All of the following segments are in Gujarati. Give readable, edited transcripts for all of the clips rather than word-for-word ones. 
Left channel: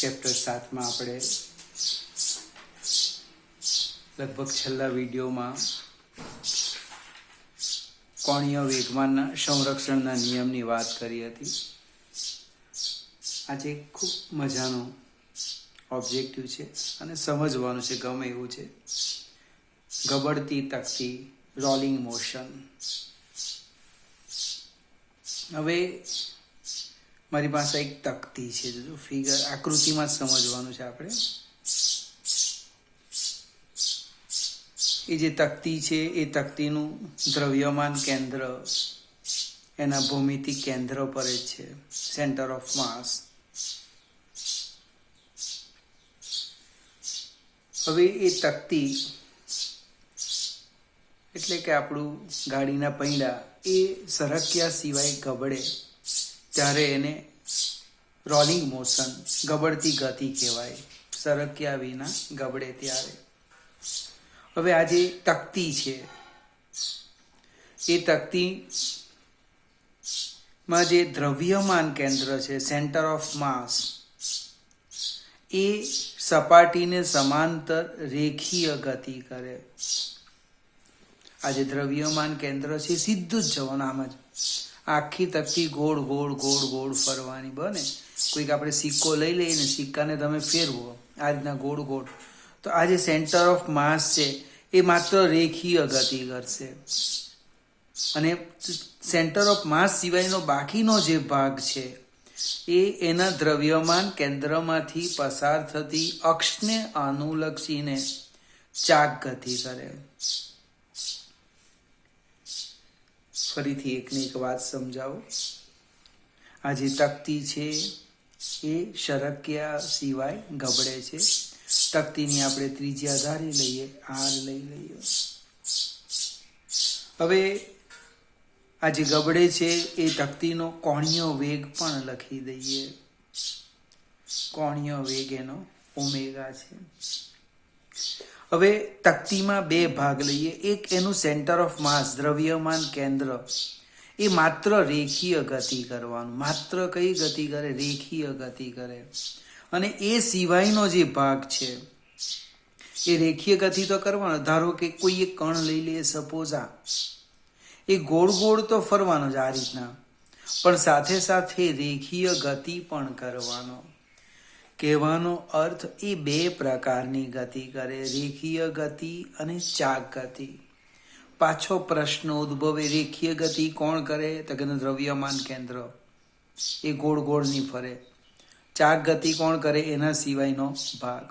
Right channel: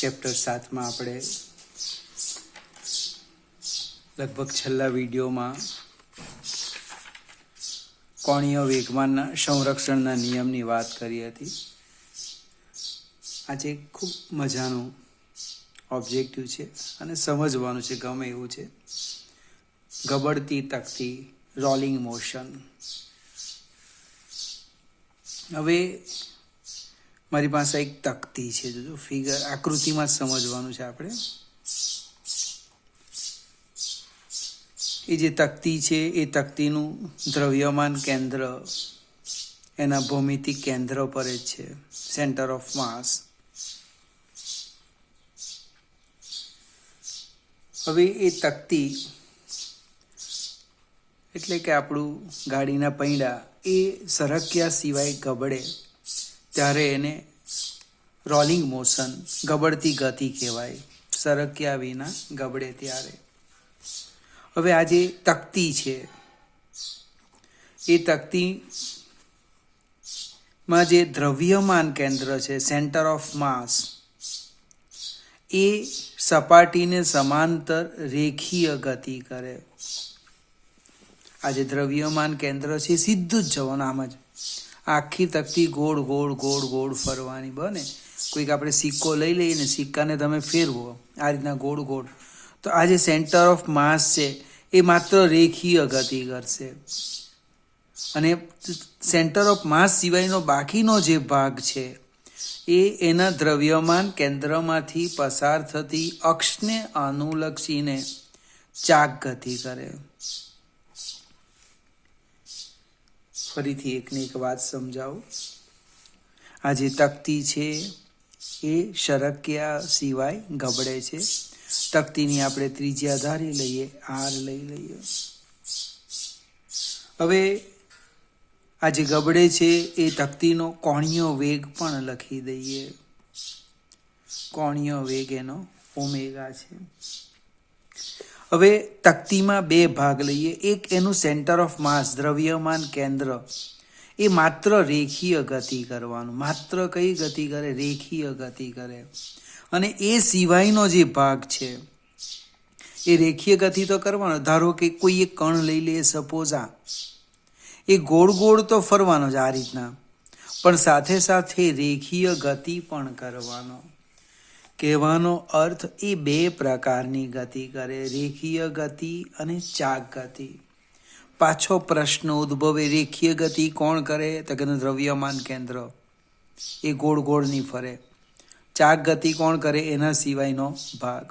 ચેપ્ટર 7 માં આપણે લગભગ છેલ્લા વિડીયોમાં કોણીય વેગમાનના સંરક્ષણના નિયમની વાત કરી હતી. આજે ખૂબ મજાનું ઓબ્જેક્ટિવ છે અને સમજવાનું છે, ગમે એવું છે. ગબડતી તકતી, રોલિંગ મોશન. હવે મારી પાસે એક તકતી છે, જો ફિગર આકૃતિમાં સમજવાનું છે આપણે. એ જે તકતી છે એ તકતીનું દ્રવ્યમાન કેન્દ્ર એના ભૌમિતિક કેન્દ્ર પર જ છે, સેન્ટર ઓફ માસ. હવે એ તકતી એટલે કે આપણું ગાડીના પૈડા એ સરક્યા સિવાય ગબડે ત્યારે એને રોલિંગ મોશન, ગબડતી ગતિ કહેવાય. સરક્યા વિના ગબડે ત્યારે. હવે આ જે તકતી છે એ તકતીમાં જે દ્રવ્યમાન કેન્દ્ર છે, સેન્ટર ઓફ માસ, એ સપાટીને સમાંતર રેખીય ગતિ કરે. આ જે દ્રવ્યમાન કેન્દ્ર છે સીધું જ જવાનું, આમ જ આખી તકતી ગોળ ગોળ ગોળ ગોળ ફરવાની બને. કોઈક આપણે સિક્કો લઈ લઈએ ને, સિક્કાને તમે ફેરવો આ રીતના ગોળ ગોળ, તો આ જે સેન્ટર ઓફ માસ છે એ માત્ર રેખીય ગતિ કરશે. અને સેન્ટર ઓફ માસ સિવાયનો બાકીનો જે ભાગ છે એ એના દ્રવ્યમાન કેન્દ્રમાંથી પસાર થતી અક્ષને અનુલક્ષીને ચાક ગતિ કરે. ફરીથી એકને એક વાત સમજાવું. આ જે તકતી છે એ સરક્યા સિવાય ગબડે છે. તકતીની આપણે ત્રિજ્યા ધારી લઈએ, આર લઈ લઈએ. હવે આ જે ગબડે છે એ તકતીનો કોણીય વેગ પણ લખી દઈએ. કોણીય વેગ એનો ઓમેગા છે. હવે તકતીમાં બે ભાગ લઈએ. એક એનું સેન્ટર ઓફ માસ, દ્રવ્યમાન કેન્દ્ર, એ માત્ર રેખીય ગતિ કરવાનું. માત્ર કઈ ગતિ કરે? રેખીય ગતિ કરે. અને એ સિવાયનો જે ભાગ છે એ રેખીય ગતિ તો કરવાનો. ધારો કે કોઈ એક કણ લઈ લે, સપોઝ આ, એ ગોળ ગોળ તો ફરવાનો જ આ રીતના, પણ સાથે સાથે રેખીય ગતિ પણ કરવાનો. કહેવાનો અર્થ એ બે પ્રકારની ગતિ કરે, રેખીય ગતિ અને ચાક ગતિ. પાછો પ્રશ્ન ઉદ્ભવે, રેખીય ગતિ કોણ કરે? તો કે દ્રવ્યમાન કેન્દ્ર, એ ગોળ ગોળ નહીં ફરે. ચાક ગતિ કોણ કરે? એના સિવાયનો ભાગ.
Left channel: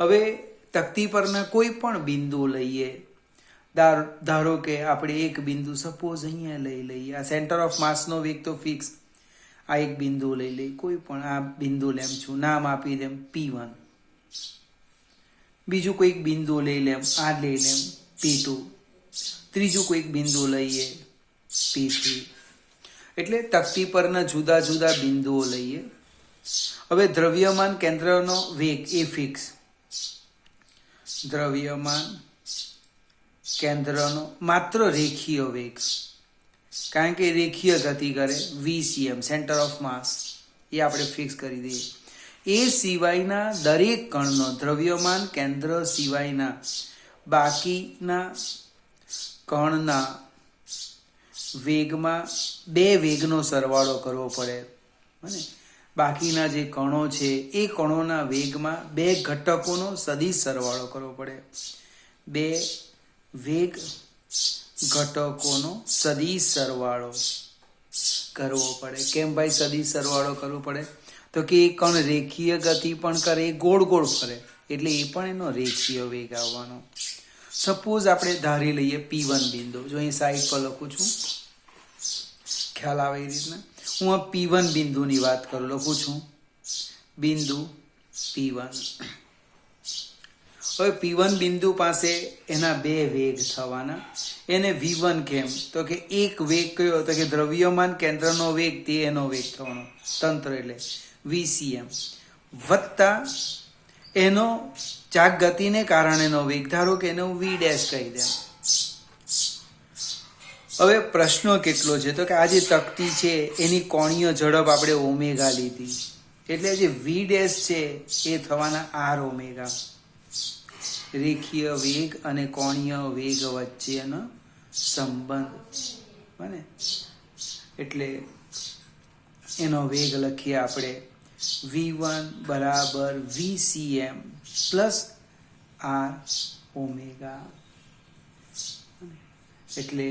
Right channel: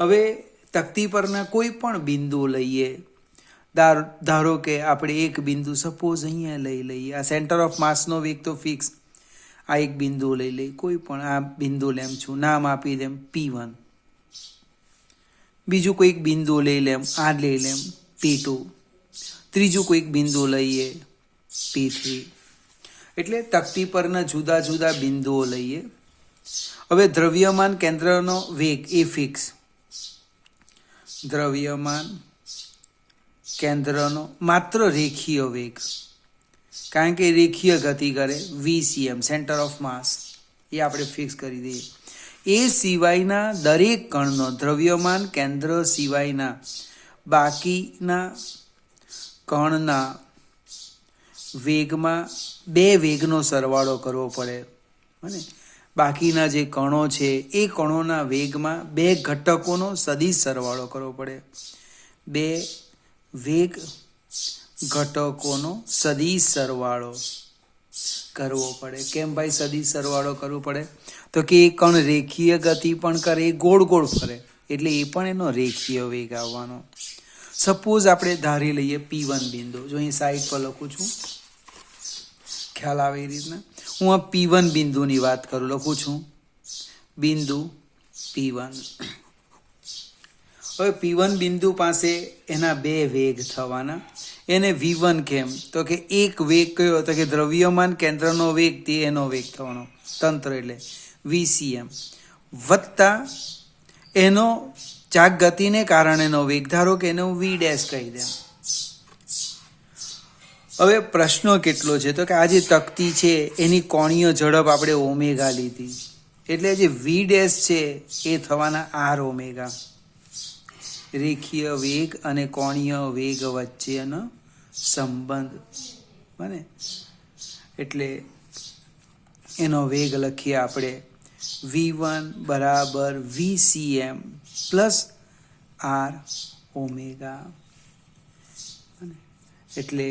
હવે તકતી પરના કોઈ પણ બિંદુ લઈએ. ધારો કે આપણે એક બિંદુ સપોઝ અહીંયા લઈ લઈએ. આ સેન્ટર ઓફ માસનો વેગ તો ફિક્સ. આ એક બિંદુ લઈ લઈ, કોઈ પણ આ બિંદુ લેમ છું, નામ આપી દેમ P1. બીજું કોઈક બિંદુ લઈ લેમ, આ લઈ લેમ P2. ત્રીજું કોઈક બિંદુ લઈએ P3. એટલે તકતી પરના જુદા જુદા બિંદુઓ લઈએ. હવે દ્રવ્યમાન કેન્દ્રનો વેગ એ ફિક્સ. દ્રવ્યમાન કેન્દ્રનો માત્ર રેખીય વેગ, કારણ કે રેખીય ગતિ કરે, VCM, સેન્ટર ઓફ માસ, એ આપણે ફિક્સ કરી દઈએ. એ સિવાયના દરેક કણનો, દ્રવ્યમાન કેન્દ્ર સિવાયના બાકીના કણના વેગમાં બે વેગનો સરવાળો કરવો પડે. અને બાકીના જે કણો છે એ કણોના વેગમાં બે ઘટકોનો સદિશ સરવાળો કરવો પડે. બે વેગ ઘટકોનો સદિશ સરવાળો કરવો પડે. કેમ ભાઈ સદિશ સરવાળો કરવો પડે? તો કે એ કણ રેખીય ગતિ પણ કરે, એ ગોળ ગોળ ફરે, એટલે એ પણ એનો રેખીય વેગ આવવાનો. સપોઝ આપણે ધારી લઈએ P1 બિંદુ. જો અહીં સાઈડ પર લખું છું, ખ્યાલ આવે એ રીતના. હું આ P1 બિંદુની વાત કરું, લખું છું બિંદુ P1. હવે P1 બિંદુ પાસે એના બે વેગ થવાના. એને V1 કેમ? તો કે એક વેગ કયો? તો કે દ્રવ્યમાન કેન્દ્રનો વેગ, તે એનો વેગ થવાનો, તંત્ર એટલે VCM, વત્તા એનો ચાક ગતિને કારણેનો વેગ. ધારો કે એને હું V' કહી દઉં. હવે પ્રશ્ન કેટલો છે? તો કે આ જે તકતી છે એની કોણીય ઝડપ આપણે ઓમેગા લીધી. એટલે જે વી ડેશ છે એ થવાના આર ઓમેગા. રેખીય વેગ અને કોણીય વેગ વચ્ચેનો સંબંધ. બને એટલે એનો વેગ લખીએ આપણે v1 બરાબર vcm પ્લસ આર ઓમેગા. એટલે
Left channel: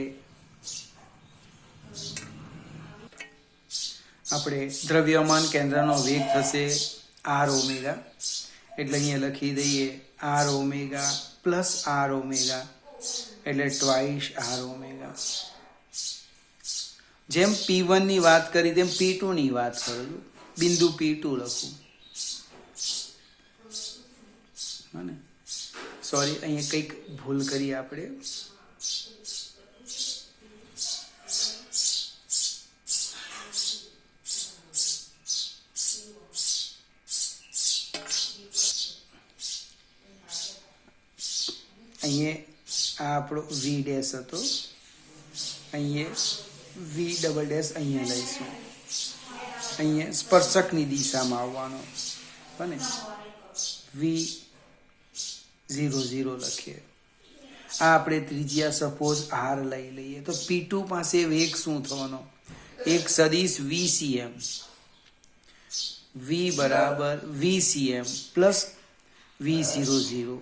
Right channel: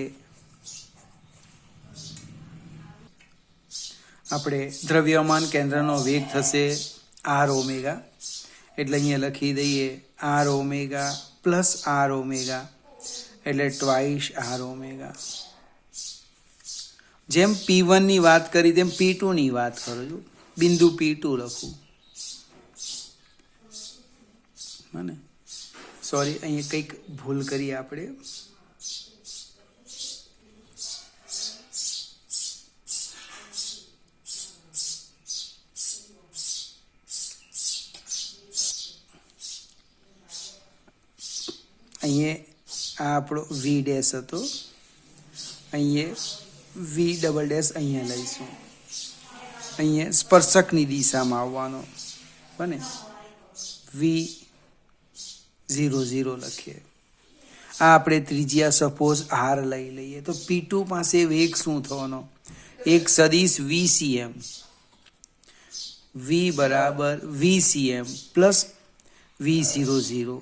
આપણે દ્રવ્યમાન કેન્દ્રનો વેગ થશે આર ઓમેગા. એટલે અહીંયા લખી દઈએ R omega plus R omega એટલે ટ્વાઇસ આર ઓમેગા. જેમ P1 ની વાત કરી તેમ P2 ની વાત કરું, બિંદુ P2 લખું. મને સોરી, અહીંયા કંઈક ભૂલ કરી આપણે. અહીંયા આ આપણો વી ડેશ હતો, અહીંયા વી ડબલ ડેશ અહીંયા લઈશું. અહીંયા સ્પર્શકની દિશામાં આવવાનું. બને V00 લખીએ. આ આપણે ત્રિજ્યા સપોઝ R લઈ લઈએ તો P2 પાસે વેગ શું થવાનો? એક સદિશ VCM. V બરાબર VCM પ્લસ V00.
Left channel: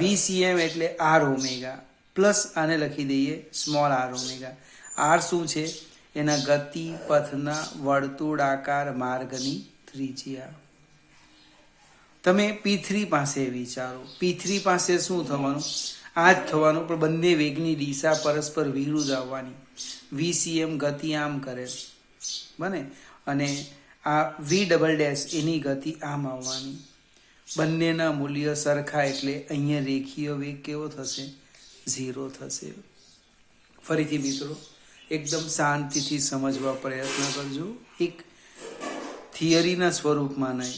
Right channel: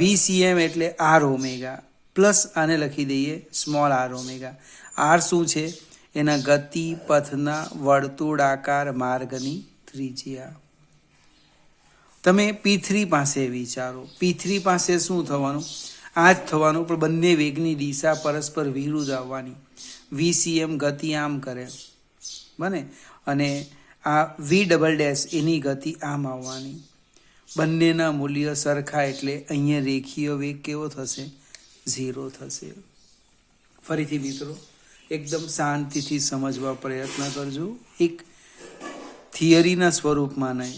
VCM એટલે R ઓમેગા પ્લસ આને લખી દઈએ સ્મોલ r ઓમેગા. R શું છે? એના ગતિ પથના વર્તુળાકાર માર્ગની ત્રિજ્યા. તમે P3 પાસે વિચારો. P3 પાસે શું થવાનું? આ જ થવાનું, પણ બંને વેગની દિશા પરસ્પર વિરુદ્ધ આવવાની. VCM ગતિ આમ કરે, બને, અને આ V ડબલ ડેશ એની ગતિ આમ આવવાની. બંનેના મૂલ્ય સરખા એટલે અહીંયા રેખીય વેગ કેવો થશે? 0 થશે. ફરીથી મિત્રો એકદમ શાંતિથી સમજવા પ્રયત્ન કરજો. એક થિયરીના સ્વરૂપમાં નહીં,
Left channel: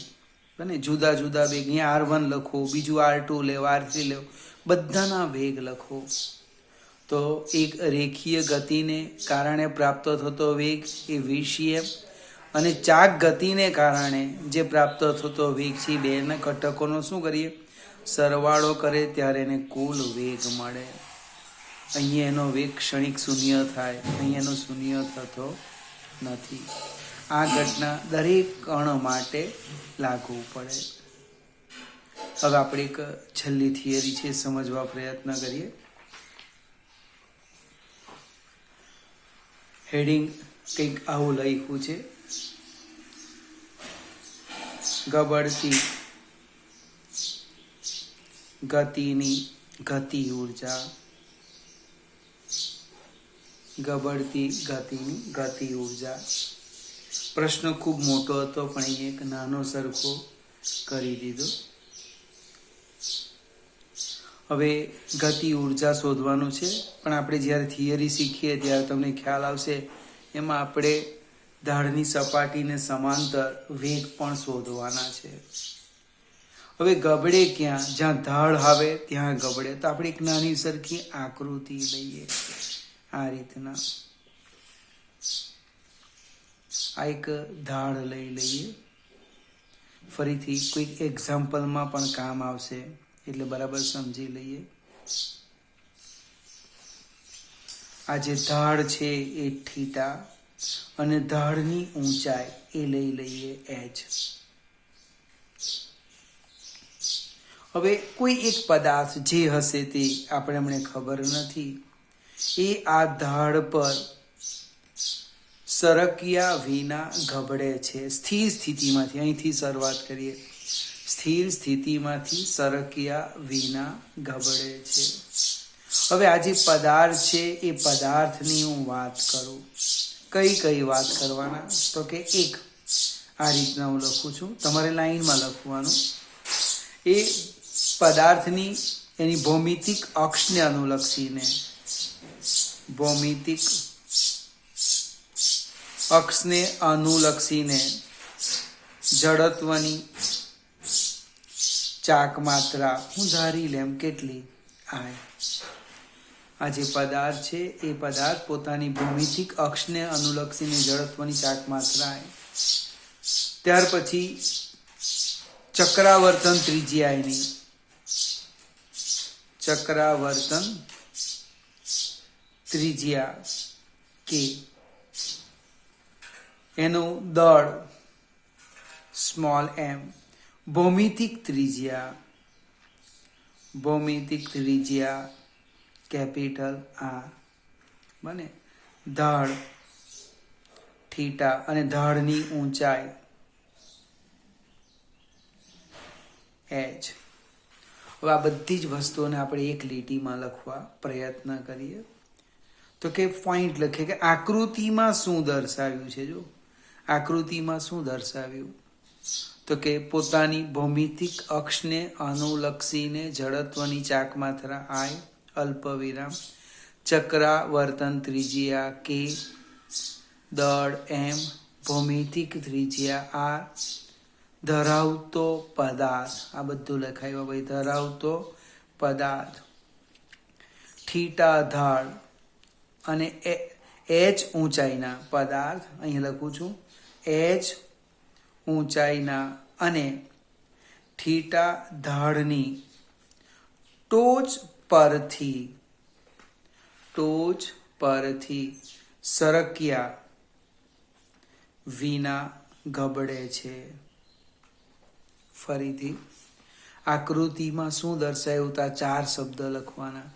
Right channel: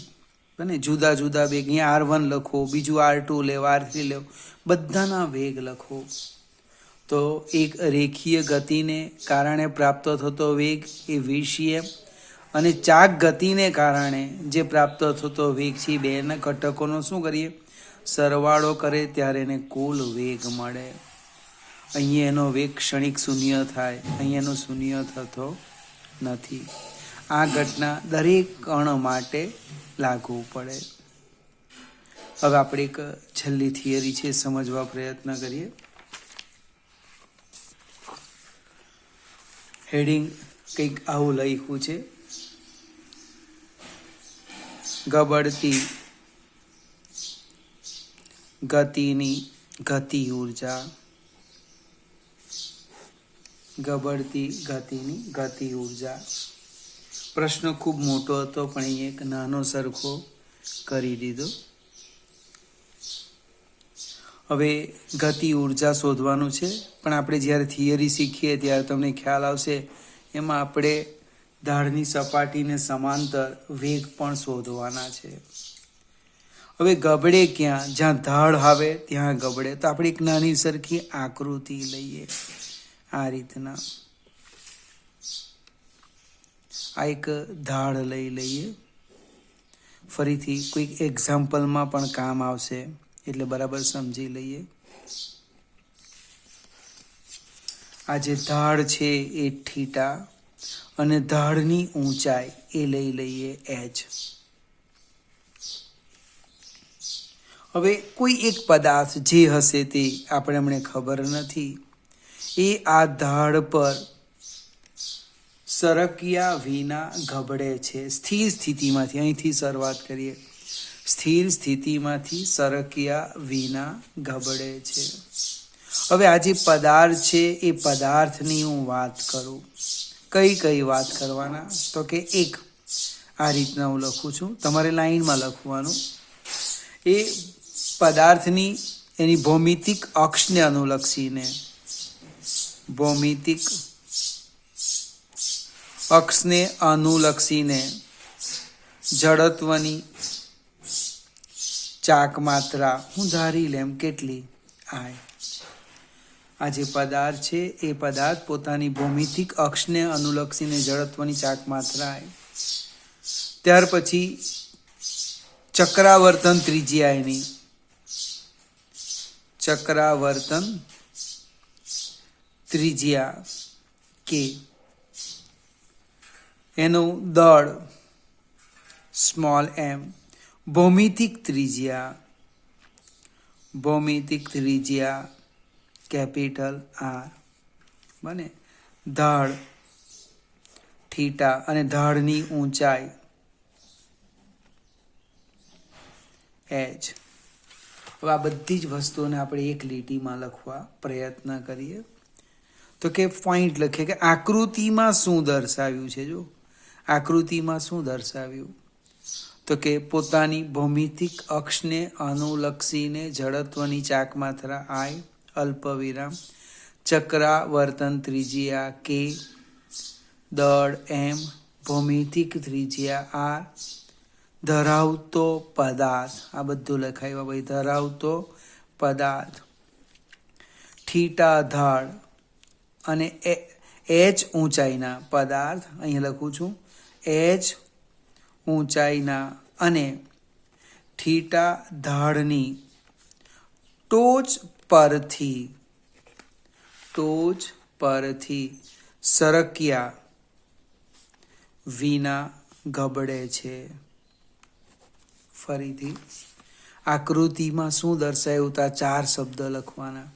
બને, જુદા જુદા વેગ. અહીંયા R1 લખો, બીજું R2 લેવો, R3 લેવો, બધાના વેગ લખો. તો એક રેખીય ગતિને કારણે પ્રાપ્ત થતો વેગ એ VCM, અને ચાક ગતિને કારણે જે પ્રાપ્ત થતો વેગ છે, બેના ઘટકોનો શું કરીએ? સરવાળો કરે ત્યારે એને કુલ વેગ મળે. અહીંયા એનો વેગ ક્ષણિક શૂન્ય થાય, અહીંયા એનો શૂન્ય થતો નથી. આ ઘટના દરેક કણ માટે લાગુ પડે. હવે આપણે એક છેલ્લી થિયરી છે સમજવા પ્રયત્ન કરીએ. હેડિંગ કંઈક આવું લખ્યું છે: ગબડતી ગતિની ગતિ ઉર્જા. ગબડતી ગતિની ગતિ ઉર્જા. પ્રશ્ન ખૂબ મોટો હતો, પણ અહીં એક નાનો સરખો કરી દીધો. હવે ગતિ ઉર્જા શોધવાનું છે, પણ આપણે જ્યારે થિયરી શીખીએ ત્યારે તમને ખ્યાલ આવશે, એમાં આપણે ઢાળની સપાટીને સમાંતર વેગ પણ શોધવાના છે. હવે ગબડે ક્યાં? જ્યાં ઢાળ આવે ત્યાં ગબડે. તો આપણે એક નાની સરખી આકૃતિ લઈએ આ રીતના. આ એક ઢાળ લઈ લઈએ. ફરીથી કોઈક એક્ઝામ્પલમાં પણ કામ આવશે, એટલે બરાબર સમજી લઈએ. આ જે ઢાળ છે એ થીટા, અને ઢાળની ઊંચાઈ એ લઈ લઈએ h. હવે કોઈ એક પદાર્થ જે હશે તે આપણે હમણે ખબર નથી, એ આ ઢાળ પર સરક્યા વિના ગબડે છે. સ્થિર સ્થિતિમાંથી, અહીંથી શરૂઆત કરીએ, સ્થિર સ્થિતિમાંથી સરક્યા વિના ગબડે છે. હવે આ જે પદાર્થ છે એ પદાર્થની હું વાત કરું. કઈ કઈ વાત કરવાના? તો કે એક આ રીતના હું લખું છું, તમારે લાઈનમાં લખવાનું. એ પદાર્થની એની ભૌમિતિક અક્ષને અનુલક્ષીને, ભૌમિતિક અક્ષને અનુલક્ષીને જડત્વની ચાક માત્રા હું ધારી લેમ કેટલી? I. આ જે પદાર્થ છે એ પદાર્થ પોતાની ભૌમિતિક અક્ષને અનુલક્ષીને જડત્વની ચાક માત્રા I. ત્યાર પછી ચક્રાવર્તન ત્રિજ્યા એની, ચક્રાવર્તન ત્રિજ્યા કે, એનું દળ સ્મોલ એમ, ભૌમિતિક ત્રિજ્યા, ભૌમિતિક ત્રિજ્યા કેપિટલ આર, બને ઢાળ થીટા અને ઢાળની ઊંચાઈ એચ. હવે આ બધી જ વસ્તુઓને આપણે એક લીટીમાં લખવા પ્રયત્ન કરીએ તો કે પોઈન્ટ લખીએ કે આકૃતિમાં શું દર્શાવ્યું છે. જો આકૃતિમાં શું દર્શાવ્યું તો કે પોતાની ભૌમિતિક અક્ષને અનુલક્ષીને જડત્વની ચાકમાત્રા આઈ, અલ્પ વિરામ, ચક્રાવર્તન ત્રિજ્યા કે, દળ એમ, ભૌમિતિક ત્રિજ્યા આર, ધરાવતો પદાર્થ, આ બધું લખાયું ભાઈ, ધરાવતો પદાર્થ, થીટા ઢાળ અને એચ ઊંચાઈના પદાર્થ, અહીં લખું છું એચ ઊંચાઈના અને થીટા ઢાળની ટોચ પરથી સરક્યા વિના ગબડે છે. ફરીથી આકૃતિમાં શું દર્શાવ્યું તા 4 શબ્દ લખવાના.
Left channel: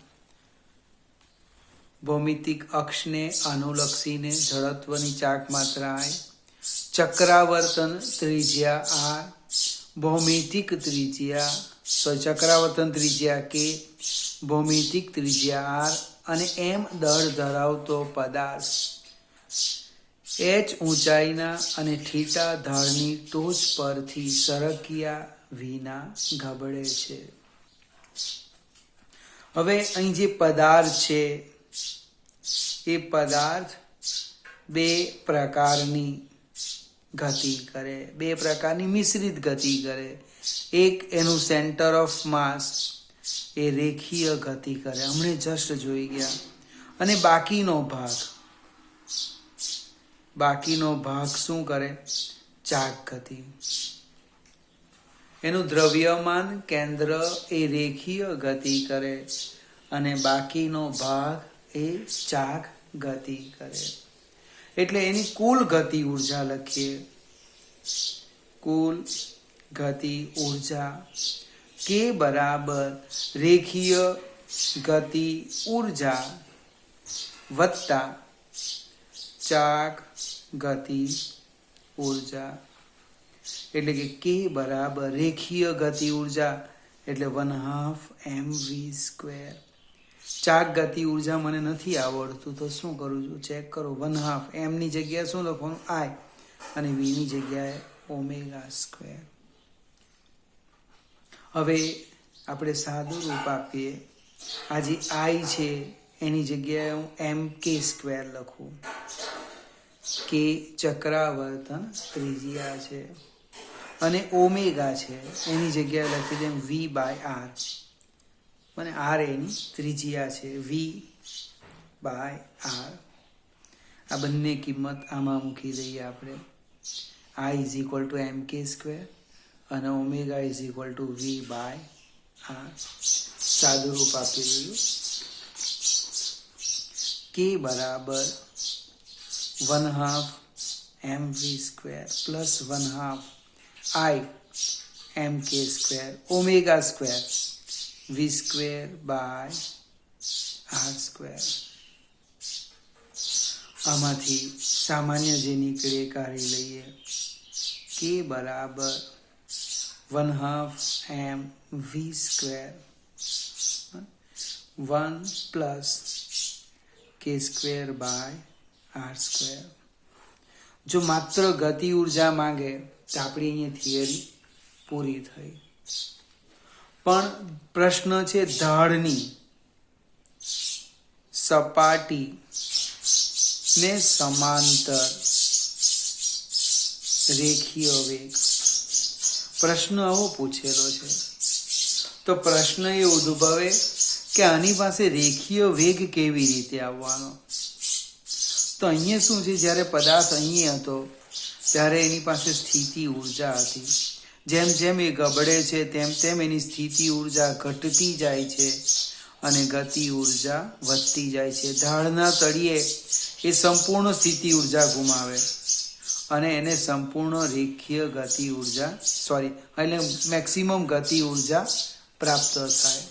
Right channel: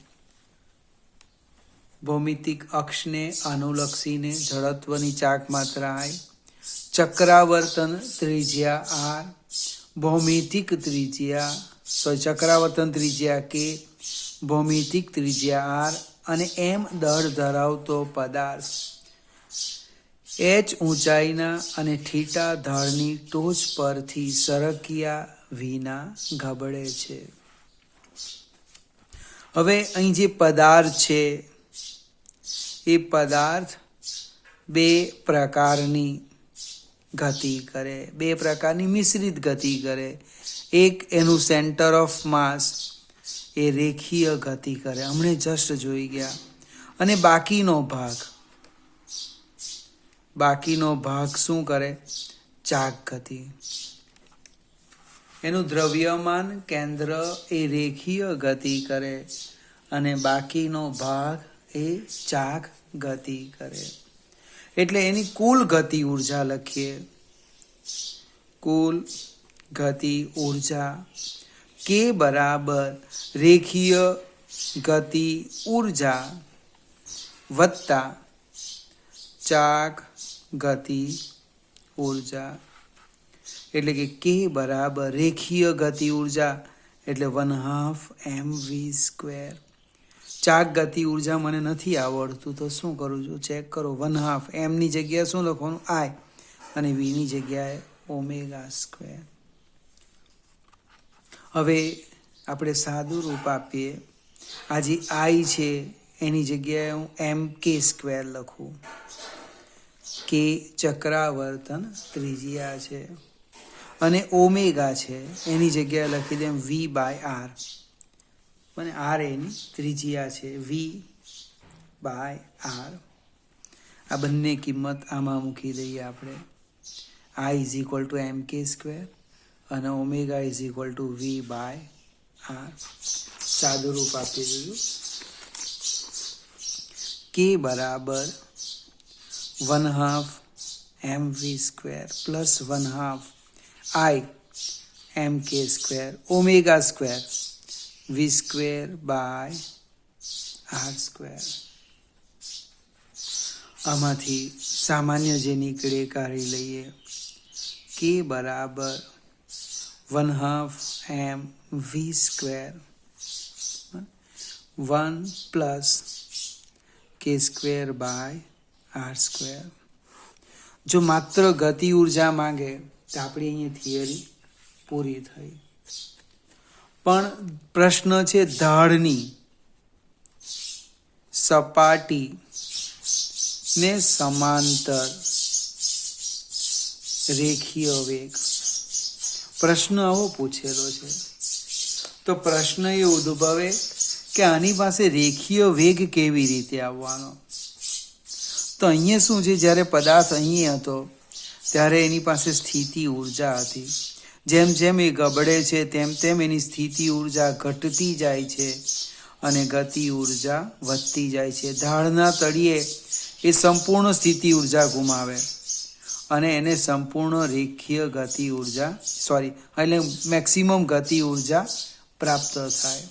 ભૌમિતિક અક્ષને અનુલક્ષીને જડત્વની ચાકમાત્રા આઈ, ચક્રાવર્તન ત્રિજ્યા આર, ભૌમિતિક ત્રિજ્યા ચક્રાવર્તન ત્રિજ્યા કે, ભૌમિતિક ત્રિજ્યા આર અને એમ દળ ધરાવતો પદાર્થ, એચ ઊંચાઈના અને થીટા ઢાળની ટોચ પરથી સરક્યા વિના ગબડે છે. હવે અહીં જે પદાર્થ છે એ પદાર્થ 2 પ્રકારની ગતિ કરે, 2 પ્રકારની મિશ્રિત ગતિ કરે. એક એનું સેન્ટર ઓફ માસ એ રેખીય ગતિ કરે, હમણે જસ્ટ જોઈ ગયા, અને બાકીનો ભાગ શું કરે? ચાક ગતિ. એનું દ્રવ્યમાન કેન્દ્ર એ રેખીય ગતિ કરે અને બાકીનો ભાગ એ ચાક ગતિ કરે. એટલે એની કુલ ગતિ ઉર્જા લખીએ, કુલ ગતિ ઉર્જા કે બરાબર રેખીય ગતિ ઉર્જા વત્તા ચાક ગતિ ઉર્જા. એટલે કે કે બરાબર રેખીય ગતિ ઉર્જા એટલે 1/2 mv². ચાક ગતિ ઉર્જા મને નથી આવડતું તો શું કરું છું, ચેક કરો. 1/2 m ની જગ્યાએ શું લખવાનું? આઈ, અને v ની જગ્યાએ ω². હવે આપણે સાદું રૂપ આપીએ. આ જે આઈ છે એની જગ્યાએ હું mk² લખું. કે ચક્રાવર્તન ત્રિજ્યા છે અને ઓમેગા છે એની જગ્યાએ લખી દે v/r, અને r એની ત્રિજ્યા છે v/r. આ બંને કિંમત આમાં મૂકી દઈએ આપણે. i = mk² અને ઓમેગા = v/r. સાદું રૂપ આપી દઈએ. k બરાબર 1/2 mv² plus 1/2 i mk² ω² v²/r². આમાંથી સામાન્ય જે નીકળે કાઢી લઈએ. k બરાબર 1/2 mv², 1 પ્લસ k²/r². જો માત્ર ગતિ ઉર્જા માંગે તો આપણી અહીંયા થિયરી પૂરી થઈ. પણ પ્રશ્ન છે ઢાળની, સપાટી ને સમાંતર રેખીય વેગ. પ્રશ્ન આવો પૂછેલો છે તો પ્રશ્ન એ ઉદ્ભવે કે આની પાસે રેખીય વેગ કેવી રીતે આવવાનો. તો અહીંયા શું છે, જ્યારે પદાર્થ અહીં હતો ત્યારે એની પાસે સ્થિતિ ઉર્જા હતી. જેમ જેમ એ ગબડે છે તેમ તેમ એની સ્થિતિ ઉર્જા ઘટતી જાય છે અને ગતિ ઉર્જા વધતી જાય છે. ઢાળના તળિયે એ સંપૂર્ણ સ્થિતિ ઉર્જા ગુમાવે અને એને સંપૂર્ણ રેખીય ગતિ ઉર્જા એટલે મેક્સિમમ ગતિ ઉર્જા પ્રાપ્ત થાય.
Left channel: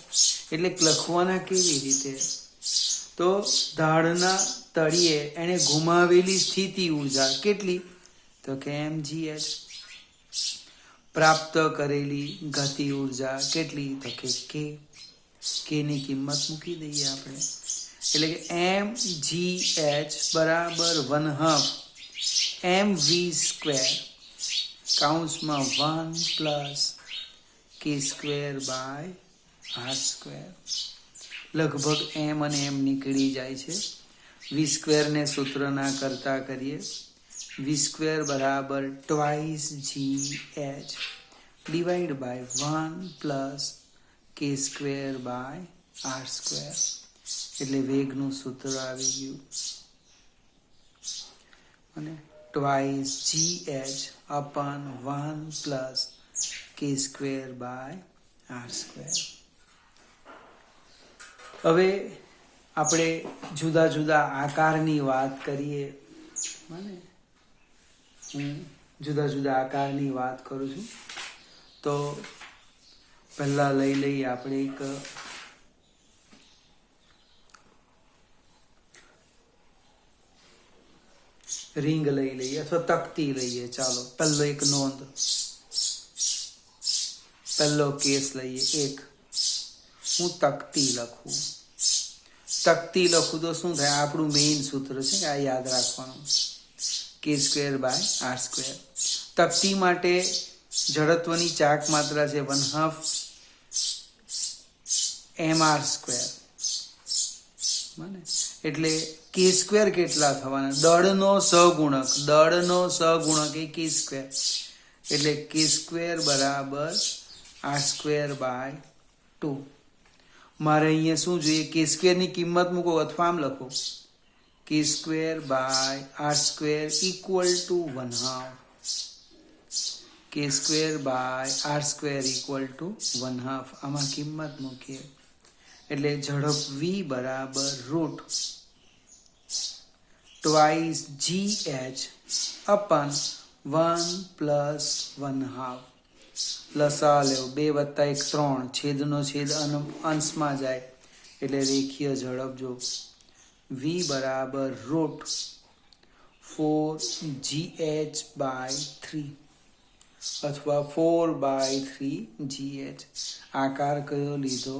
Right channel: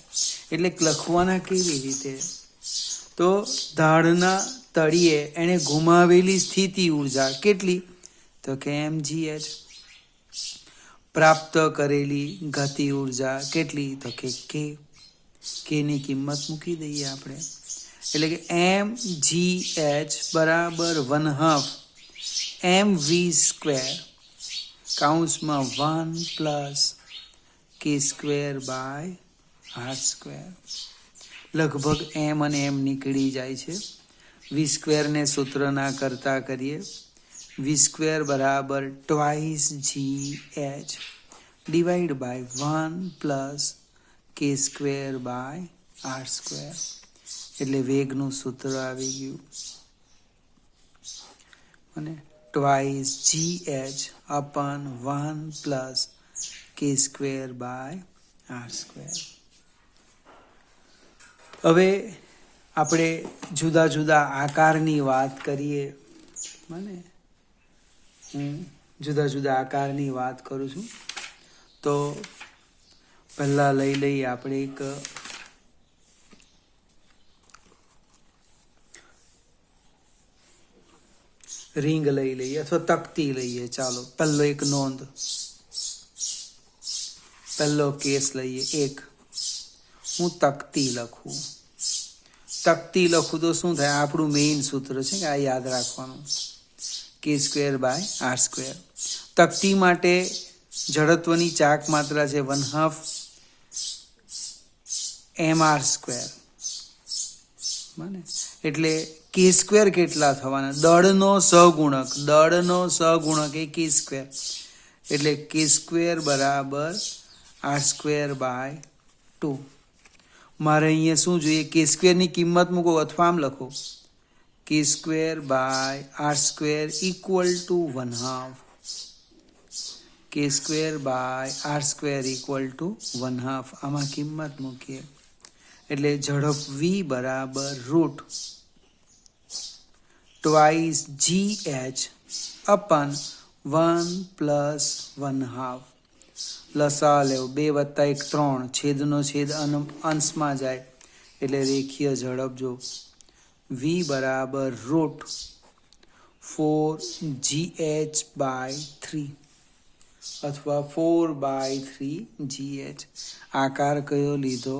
એટલે લખવાના કેવી રીતે? તો ઢાળના તળિયે એને ગુમાવેલી સ્થિતિ ઉર્જા કેટલી? તો કે mgh. પ્રાપ્ત કરેલી ગતિ ઉર્જા કેટલી? તો કે k ની કિંમત મૂકી દઈએ આપણે. એટલે કે mgh બરાબર 1/2 mv સ્ક્વેર કૌંસમાં 1 plus k square by r square. લગભગ m અને m નીકળી જાય છે. v સ્ક્વેરને સૂત્રના કરતા કરીએ. v સ્ક્વેર બરાબર 2gh divide by 1 plus k square by r square. એટલે વેગનું સૂત્ર આવી ગયું અને 2gh upon 1 plus k square by r square. હવે આપણે જુદા જુદા આકારની વાત કરીએ. હું જુદા જુદા આકારની વાત કરું છું. તો પહેલા લઈ લઈએ આપણે એક રિંગ લઈ લઈએ અથવા તકતી લઈએ. ચાલો પહેલો એક નોંધ, પહેલો કેસ લઈએ. એક હું તકતી લખું. તકતી લખું તો શું થાય? આપણું મેઇન સૂત્ર છે કે આ યાદ રાખવાનું, કે સ્ક્વેર બાય આર સ્ક્વેર. તકતી માટે જડત્વની ચાક માત્રા છે 1/2 mr સ્ક્વેર. એટલે કે સ્ક્વેર કેટલા થવાના? દળનો સહગુણક એ કે સ્ક્વેર. એટલે કે સ્ક્વેર બરાબર આર સ્ક્વેર બાય 2. મારે અહીંયા શું જોઈએ? કે સ્ક્વેરની કિંમત મૂકો અથવા આમ લખો K square by R square equal to 1/2. K square by R square equal to 1/2. આમાં કિંમત મૂકીએ એટલે ઝડપ v બરાબર રૂટ 2gh અપન 1 પ્લસ 1/2. લસા લેવો 2 + 1 3, છેદનો છેદ અંશમાં જાય એટલે રેખીય ઝડપ જો v બરાબર રૂટ 4gh બાય 3 અથવા 4/3gh. આકાર કયો લીધો?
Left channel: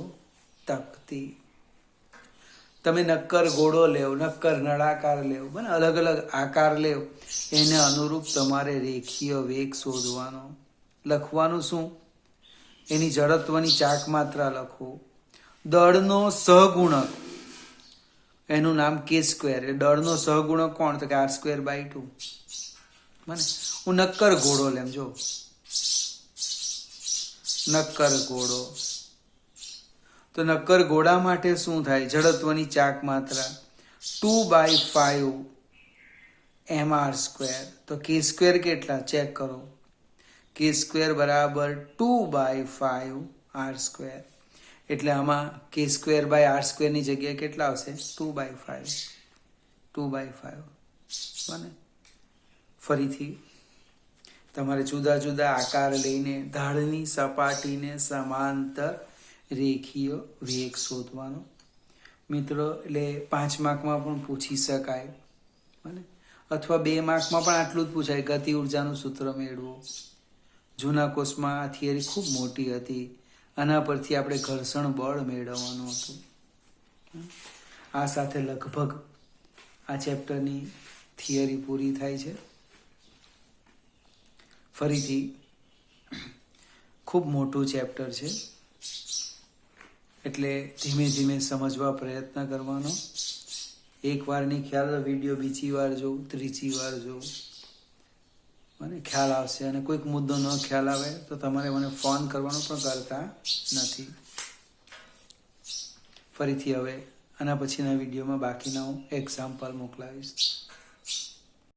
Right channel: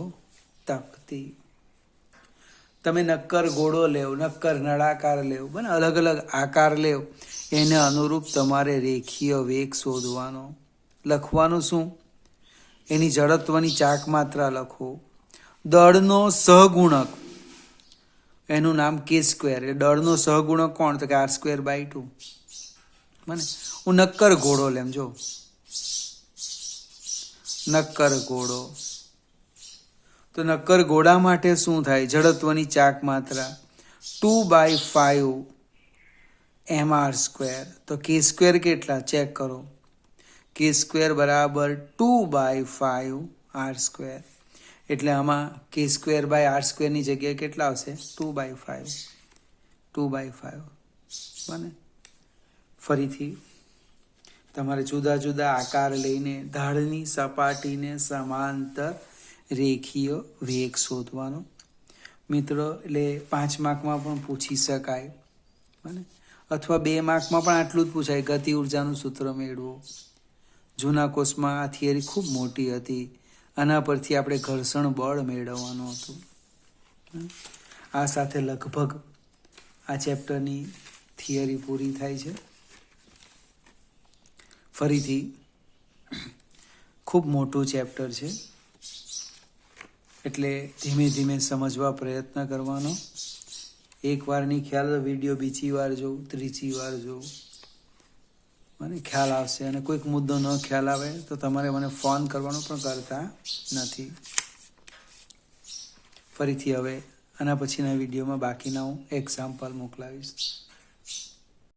તકતી. તમે નક્કર ઘોડો લેવ, નક્કર નળાકાર લેવ, બને અલગ અલગ આકાર લેવ, એને અનુરૂપ તમારે રેખીય વેગ શોધવાનો. લખવાનું શું? એની જડત્વની ચાક માત્રા લખો. દળનો સહગુણક એનું નામ કે સ્ક્વેર. એ દળનો સહગુણક કોણ? તો કે આર સ્ક્વેર બાય 2. બને હું નક્કર ઘોડો લેમ. જો નક્કર ઘોડો, તો નક્કર ઘોડા માટે શું થાય? જડત્વની ચાક માત્રા 2/5 mr સ્ક્વેર. તો કે સ્ક્વેર કેટલા? ચેક કરો. કે સ્ક્વેર બરાબર 2/5 r સ્ક્વેર. એટલે આમાં કે સ્ક્વેર બાય આર સ્ક્વેરની જગ્યાએ કેટલા આવશે? 2/5. બને ફરીથી તમારે જુદા જુદા આકાર લઈને ઢાળની સપાટીને સમાંતર રેખીય વેગ શોધવાનો. મિત્રો એટલે 5 માર્કમાં પણ પૂછી શકાય અથવા 2 માર્કમાં પણ આટલું જ પૂછાય. ગતિ ઉર્જાનું સૂત્ર મેળવો. જૂના કોર્સમાં આ થિયરી ખૂબ મોટી હતી. આના પરથી આપણે ઘર્ષણ બળ મેળવવાનું હતું. આ સાથે લગભગ આ ચેપ્ટરની થિયરી પૂરી થાય છે. ફરીથી ખૂબ મોટું ચેપ્ટર છે એટલે ધીમે ધીમે સમજવા પ્રયત્ન કરવાનો. એક વારની ખ્યાલ વિડીયો બીજી વાર જોઉં, ત્રીજી વાર જોઉં, મને ખ્યાલ આવશે. અને કોઈક મુદ્દો ન ખ્યાલ આવે તો તમારે મને ફોન કરવાનો પણ કરતા નથી. ફરીથી હવે આના પછીના વિડીયોમાં બાકીના હું એક્ઝામ્પલ મોકલાવીશ.